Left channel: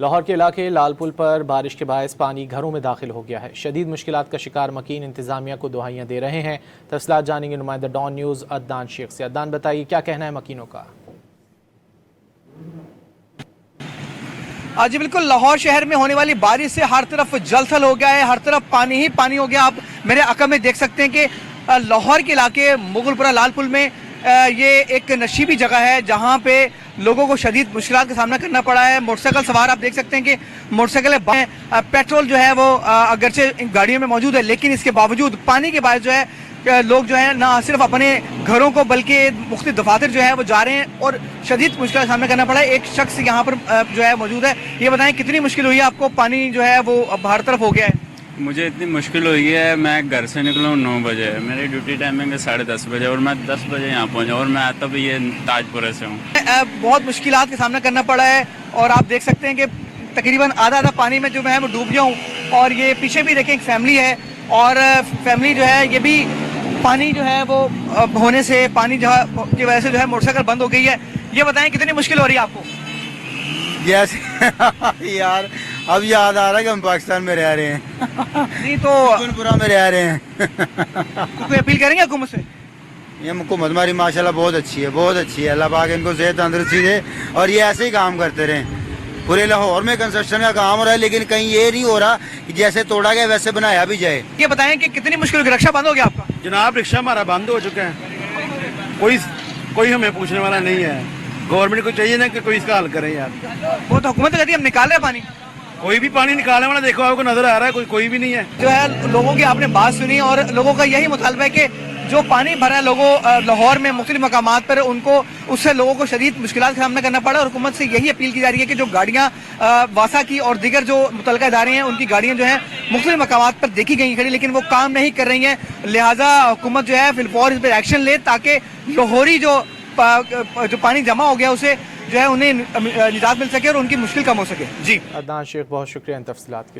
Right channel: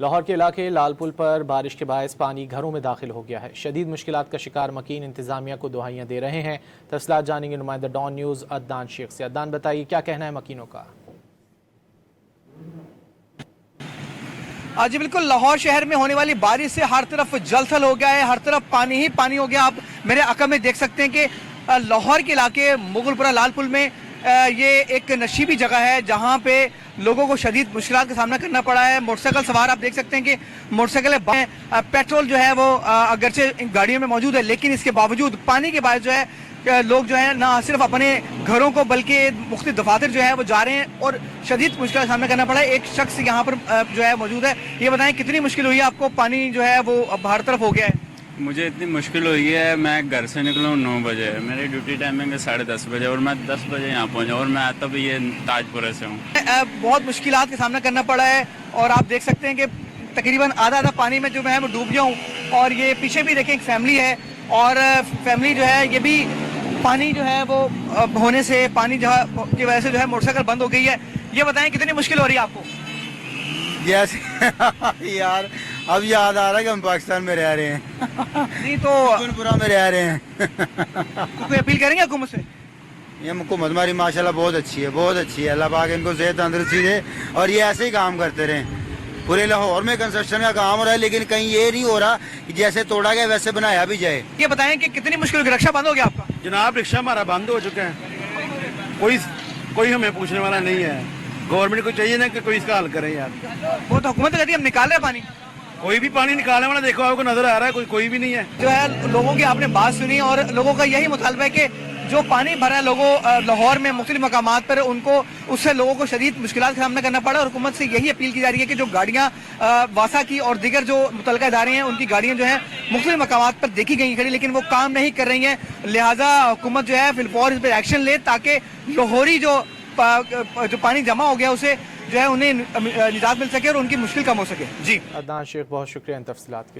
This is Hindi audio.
लाहौर के इलाके लाल पुल पर बारिश के बायस पानी घरों में दाखिल हो गया है। शदीद मुश्किलात का शिकार मकीन इंतजामिया को दुआइयां दे रहे हैं। तफसीलात जानेंगे नुमाइंदा डॉन न्यूज़ अदनान शेख से। अदनान, बताइए क्या कहना है मकीनों का। जी बिल्कुल, लाहौर शहर में होने वाली बारिश से हर तरफ जलथल हो गया है, हर तरफ पानी ही पानी हो गया। आप मेरे अकब में देख सकते हैं कि लाहौर के इलाके मुगलपुरा लाल पुल में ये एक नशीबी जगह है जहां पे लोगों को शदीद मुश्किलात का सामना करना पड़ा है। मोटरसाइकिल सवार आप देख सकते हैं कि मोटरसाइकिल पेट्रोल जो है वो अगरचे गाड़ियों में मौजूद है, लेकिन इसके बावजूद पानी के बाद जो है लोग जो है ना सिर्फ अपने घरों को बल्कि मुख्तलिफ दफातर जो है वो जा रहे हैं और शदीद मुश्किल का सामना करना पड़ा है। एक शख्स यहाँ पर जो है मौजूद है, ये बताएं कितनी मुश्किल हुई है आपको? पानी जो है वो अब हर तरफ हो गया है। मुझे इतनी मुश्किल हुई है, मैं घर से निकला हूँ 9 बजे, मेरी ड्यूटी टाइमिंग है 10:30 बजे और मैं 10 बजे यहाँ पहुँचा और मैं आता भी ये ताजपुरे से हूँ। बहुत मुश्किलात का सामना करना पड़ा है और आप देख सकते हैं कि तकरीबन आधा पानी में जो मैं वो डूब गया हूँ। और ये पीछे भी देखें एक फैमिली है और फैमिली जो है ये भी पानी जो है वो होने से पानी जो की वजह से जो है मोटरसाइकिल बंद हो गई है। ये बताएं कितनी मुश्किल हो रही है आपको? यस यार, अब याद आ रहा है कि हम पाकिस्तान में रह रहे हैं। नहीं तो पूरा में रह रहे हैं। कोई अपील करेंगे हुकूमत से? ये हुकूमत हमारी माशाल्लाह बहुत अच्छी है, बहुत अच्छी है। अल्लाह पाक इनको सेहत तंदुरुस्ती दे और ये ऐसे ही काम करते रहें। पूरे लाहौर में कंस्ट्रक्शन का काम हो रहा है, लेकिन कहीं ये नहीं हो रहा कि जैसे तोड़ा गया वैसे बनाया भी जाए। ये बताएं कि कितनी मुश्किल होगी? रिक्शा बंद हो गया आपका? जनाब, रिक्शा हमारा बंद हो चुका है। कोई हमें पूछने वाला नहीं है। गवर्नमेंट को चाहिए ना कि कोई इसका हल करे यार। वो तो हुकूमत कहती है हम निकाल रहे हैं पानी। कोई भी पानी निकालने वाला देखो आपको नजर आ रहा है? कोई भी नहीं है। जो है लोगों की आपने बात सुनी और लोगों का यही मुतालबा है कि जो पानी भरा है लोगों लाहौर में मुख्तलिफ मकामात पर, उनको उससे लोगों को शदीद मुश्किलात का सामना करना पड़ा। और हुकूमत से यही अपील की जा रही है कि जो गाड़ियाँ वासा की और दीगर जो मुतलका इदारे हैं उनकी गाड़ियाँ जो हैं मुख्तलिफ मकामात पर देखी गई खड़ी, लेकिन वो काम नहीं कर रही हैं। लिहाजा हुकूमत जो है फिलफौर इस पर एक्शन ले ताकि लाहौरी जो पानी जमा हो गया उसे जो है उन्हें निजात मिल सके और उनकी मुश्किल कम हो सके। जी अदनान शेख, बहुत शुक्रिया इन तफसीलात के लिए।